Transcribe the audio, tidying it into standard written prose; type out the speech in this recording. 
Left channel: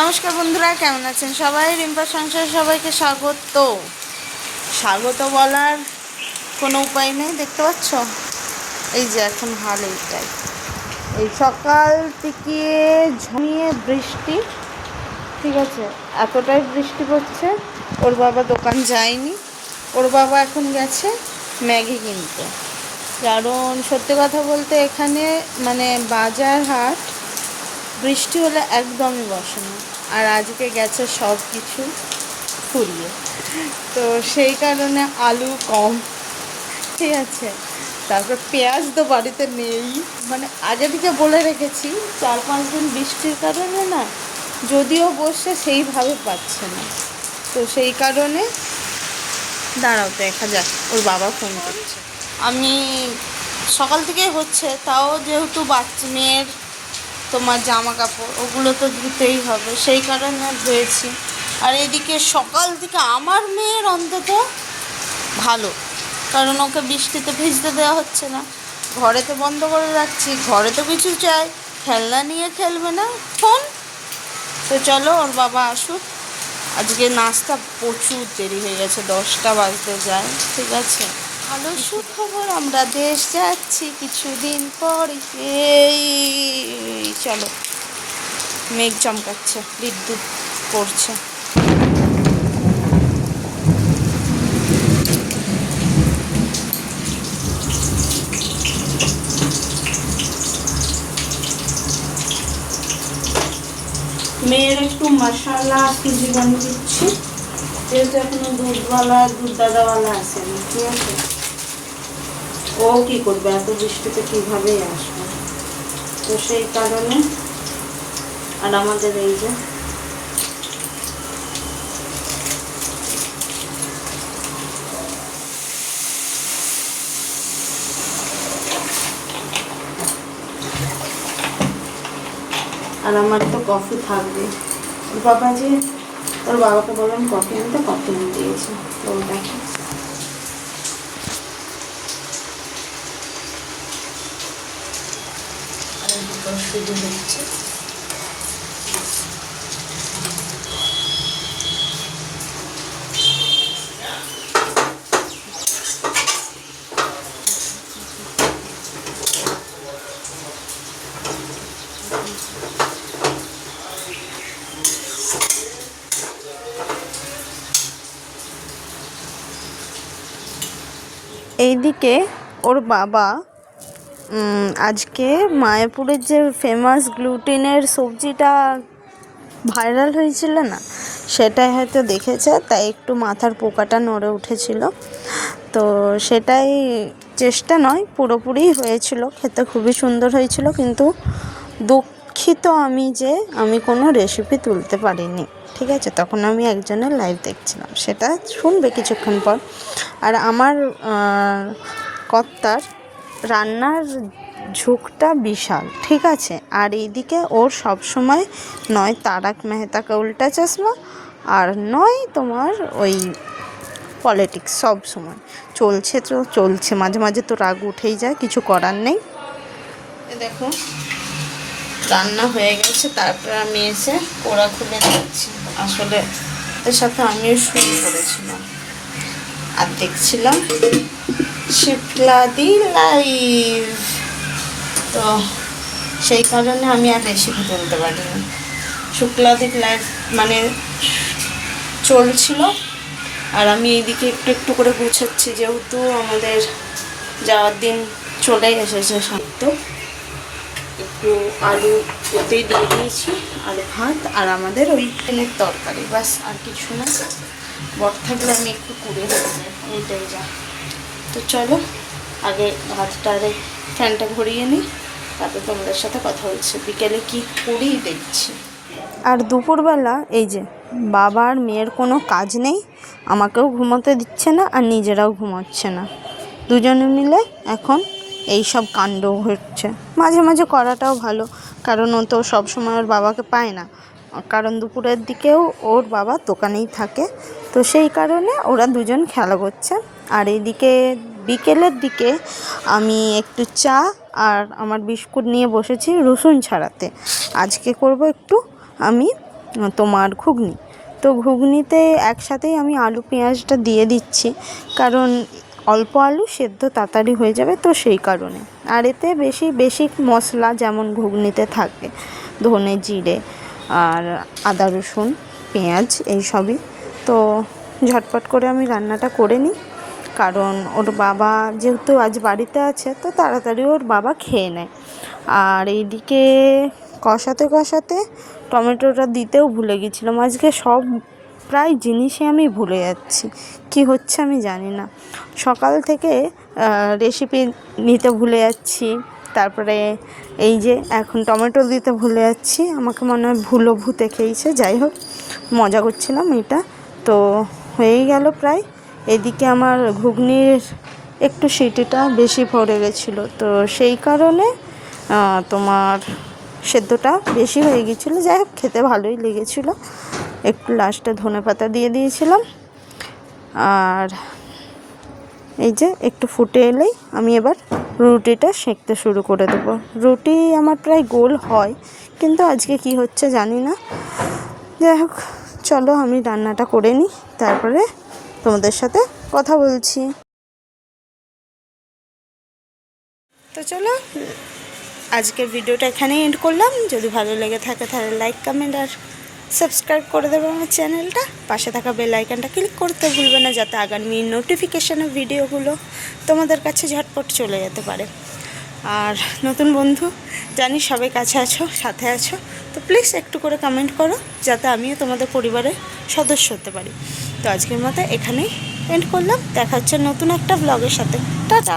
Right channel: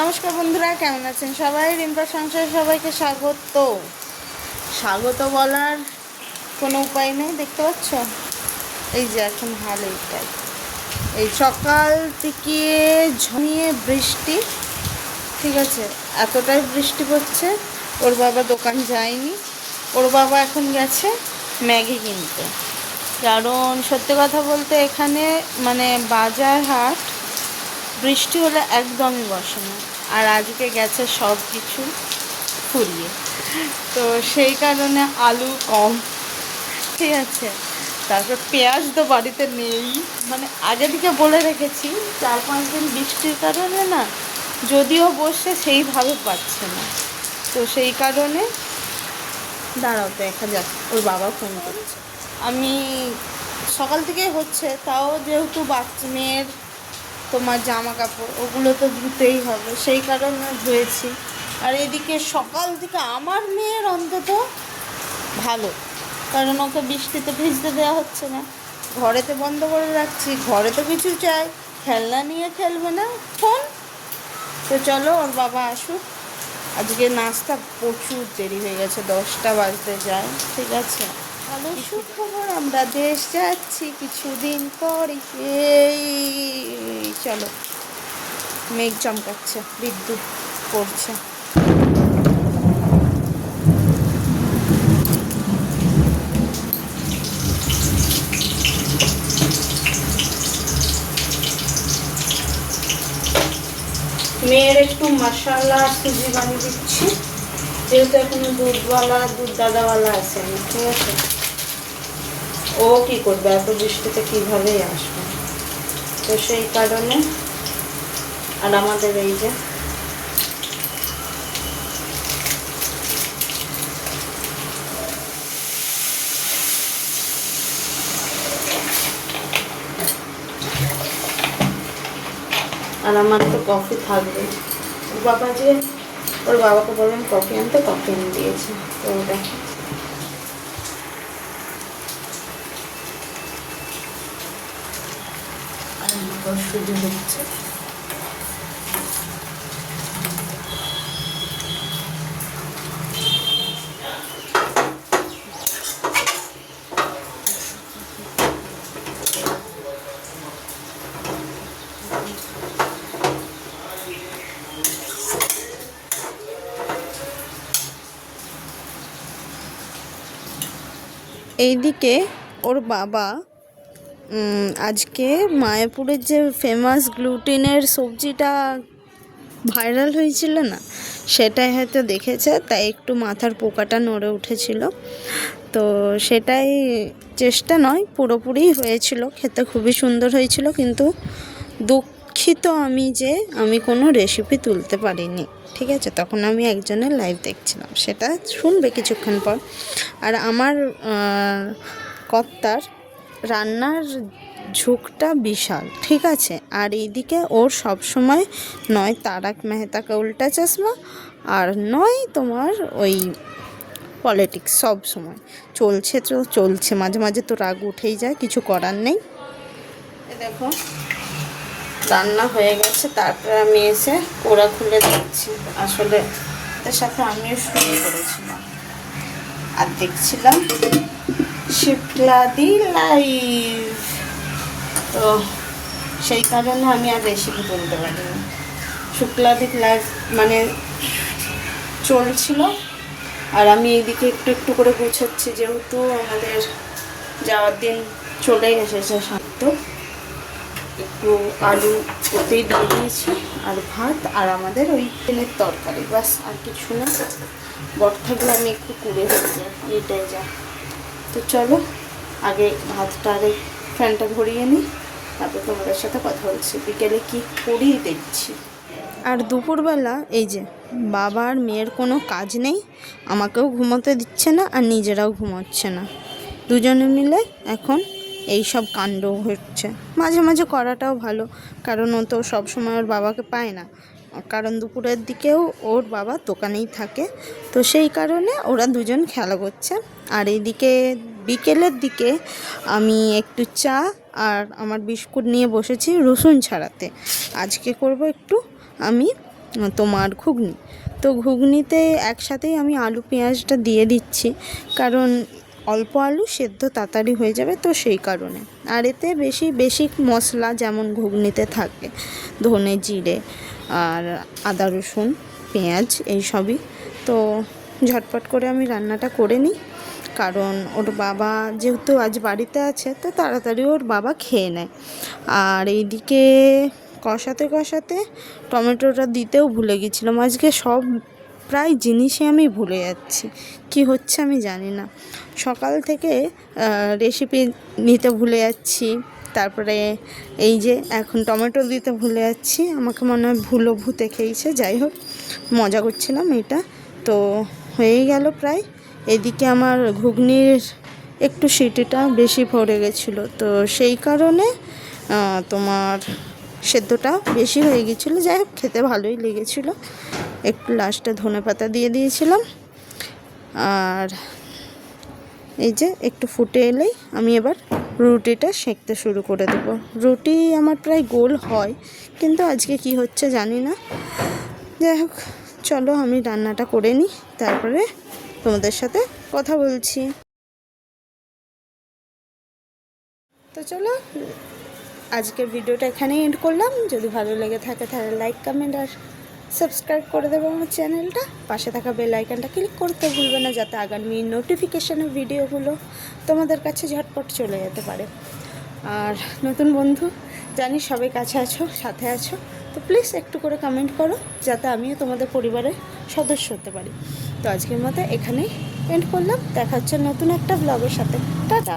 নমস্কার বন্ধুরা, কেমন আছেন সবাই? রিম্পা সংসার সবাইকে স্বাগত। স্বাগত বলার কোনো উপায় নেই, দেখতে পাচ্ছ এই যে এখন হাল এইটাই। এই সকাল থেকে ঝমিয়ে বৃষ্টি, ঠিক আছে, এতটাই বৃষ্টি পড়ছে। ওর বাবা দোকান যায়নি, ওর বাবা এখন গেছে ম্যাগি কিনতে। কারণ সত্যি কথা বলতে এখানে মানে বাজার হাট বৃষ্টি হলে একদমই বসে না, আর আজকে গেছে সব কিছু ফুরিয়ে। তো সেই কারণে আলু কম, ঠিক আছে। তারপর পেঁয়াজ তো বাড়িতে নেই, মানে আগে থেকে বলে রেখেছি 4-5 দিন বৃষ্টির কারণে না, যদিও বসে সেইভাবে পাচ্ছে না। তো সেই কারণে দাঁড়াও, তো দেখা যাক, ওর বাবা ফোন করছে। আমি সকাল থেকেই হচ্ছে, তাও যেহেতু বাচ্চা মেয়ের তোমার জামা কাপড় ওগুলো তো ধুতেই হবে, সেই কারণে ধুয়েছি। আর এদিকে সকাল থেকে আমার মেয়ের অন্তত ভালো, কারণ ওকে বৃষ্টিতে ভিজতে দেওয়া হচ্ছে না, ঘরেতে বন্ধ করে রাখছি। ঘরে তো কিছু চাই, খেলনা নিয়ে খেলবে না, ফোন। তো চলো ওর বাবা আসুক। আজকে নাস্তা প্রচুর দেরি হয়ে গেছে, 10টা বাজতে যায়, ঠিক আছে। ভালো সুখবর, আমরা দেশ যাচ্ছি কিছুদিন পর। এই চলো, মেঘ চমকাচ্ছে, বিদ্যুৎ পড়ছে। মেয়ের একটু মশলা সুজি বানিয়ে দিচ্ছি, যেহেতু এখনো দুধ দাদাওয়ালা আসেনি, ঠিক আছে। ও কি করবে, এত বৃষ্টিতে কীভাবেই আসবে, তো সেই কারণে। আর আমাদের এই যে আর আমার তো কফি থাকবে। বাবা যে ওর বাবাকে বললাম কফি আনতে, কফি এনে দিয়েছে। তো দেখো আর সুজি হচ্ছে। এইদিকে ওর বাবা আজকে মায়াপুরের যে ফেমাস গ্লুটেনের সবজিটা ভাইরাল হয়েছিল না, সেটাই হয়তো দেখেছে, তাই একটু মাথার পোকাটা নড়ে উঠেছিল। তো সেটাই, চেষ্টা নয়, পুরোপুরি হয়েছিল, খেতে খুবই সুন্দর হয়েছিল। কিন্তু দুঃখিত আমি যে আমি কোনো রেসিপি তুলতে পারিনি, ঠিক আছে। তখন আমি একজনের লাইভ দেখছিলাম, সেটা শুনবে কিছুক্ষণ পর। আর আমার কর্তার রান্নার ঝোঁকটা বিশাল, ঠিক আছে। আর এইদিকে ওর সবসময় নয় তারক মেহতা কা উল্টা চশমা, আর নয় তোমার ওই পলিটিক্স, সব সময় চলছে, তো চলছে। মাঝে মাঝে তো রাগ উঠেই যায়, কিছু করার নেই। দেখো রান্না হয়ে গেছে, তারপর আমি এসে ওরা খুলে দিচ্ছি। আসলে ওদের সাথে আমিও শুয়ে পড়েছিলাম আর দেখছিলাম শিপলাদি লাইভ, তো সেই কারণে আমি আর রেসিপি তুলতে পারিনি। শুক্লাদির লাইভ মানে চলছিল, আর আমি এইদিকে একটু একটু করে গুছাচ্ছি, যেহেতু আমাদের যাওয়ার দিন চলে এসেছে। সাথে একটু আলু ওতেই দিয়ে দিয়েছি, আর ভাত, আর আমাদের ওই তেলের তরকারি, বাস, আর কিছু না। বর থাকলে আমি একটু করে দিতে, এইটাই যা। তো চলো আগে ভাতটা আরে ফ্যানটা ঘুরিয়ে নিই, তারপর তোমাদের সাথে কথা হচ্ছে। বিকেলে কি করি দেখছি। আর দুপুরবেলা এই যে বাবা আর মেয়ের কোনো কাজ নেই, আমাকেও ঘুমোতে দিচ্ছে না, আর নিজেরাও ঘুমোচ্ছে না। দুজনে মিলে এখন এই সব কাণ্ড হচ্ছে। মাঝে মাঝে করাটাও ভালো, কারণ ও তো সবসময় ওর বাবাকে পায় না, কারণ দুপুরের দিকেও ওর বাবা দোকানেই থাকে। তো সেই কারণে ওরা দুজন খেলা করছে। আর এইদিকে বিকেলের দিকে আমি একটু চা আর আমার বিস্কুট নিয়ে বসেছি রসুন ছাড়াতে। আজকে করব একটু আমি তোমার ঘুগনি। তো ঘুগনিতে একসাথেই আমি আলু পেঁয়াজটা দিয়ে দিচ্ছি, কারণ অল্প আলু সেদ্ধ তাড়াতাড়ি হয়ে যাবে, তো সেই কারণে। আর এতে বেশি বেশি মশলা যেমন ঘুগনিতে থাকে, ধনে জিরে আর আদা রসুন পেঁয়াজ এইসবই। তো ঝটপট করে আমি রান্নাটা করে নিই, কারণ ওর বাবা যেহেতু আজ বাড়িতে আছে, তো তাড়াতাড়ি ওর বাবা খেয়ে নেয়। আর এইদিকে কষাতে কষাতে টমেটোটা দিতেও ভুলে গেছিলাম। আজকে সব প্রায় জিনিসই আমি ভুলে যাচ্ছি, কি হচ্ছে আমি জানি না। সকাল থেকে রেসিপি নিতে ভুলে যাচ্ছি, তারপরে এই যে এখন টমেটো দিতে ভুলে যাচ্ছি। আমাকে মনে হয় ভূতে খেয়েছে, যাই হোক মজা করছিলাম এটা। তো হয়েই গেল প্রায়। এদিকে আমার ঘুগনির একটু সিটিটা বেশি পড়ে গেছিলো, তো সেই কারণে তোমার সেদ্ধটা বেশি হয়ে গিয়েছিলো। যাই হোক খেতে ভালোই লেগেছিলো। একটু লাস্টে ধনেপাতা দিয়ে দিয়েছিলাম। আর এই যে একটু ফুটে এলেই আমি এবার রুটিটা সেঁকতে শুরু করে দেবো। রুটি আমার প্রায় গোল হয়, কিন্তু আজকে কি হচ্ছে জানি না। যাই হোক চলো আমি রান্নাটা করে নিই, তারপরে তোমাদের সাথে কথা বলছি। তো চলো আজকের ভিডিওটা এখানেই এন্ড করলাম। যদি ভালো লেগে থাকে তাহলে লাইক কমেন্ট আর সাবস্ক্রাইব করে দেবো আমার চ্যানেলটা। পাশে থাকা বেল আইকনটা ক্লিক করতে ভুলবে না, যাতে আগামী নোটিফিকেশানের ভিডিওগুলো তোমাদের কাছে ঝটপট চলে যেতে পারে। আর নতুন বন্ধু জানি সবাই কাছে আছো, সাথে আছো, তো প্লিজ একটু করে কমেন্ট করো, যাতে আমিও তোমাদের পরিবারের সদস্য হতে পারি। তো আজকের মতো এখানেই এন্ড করলাম। দেখা হচ্ছে নতুন একটা ব্লগের সাথে। টাটা।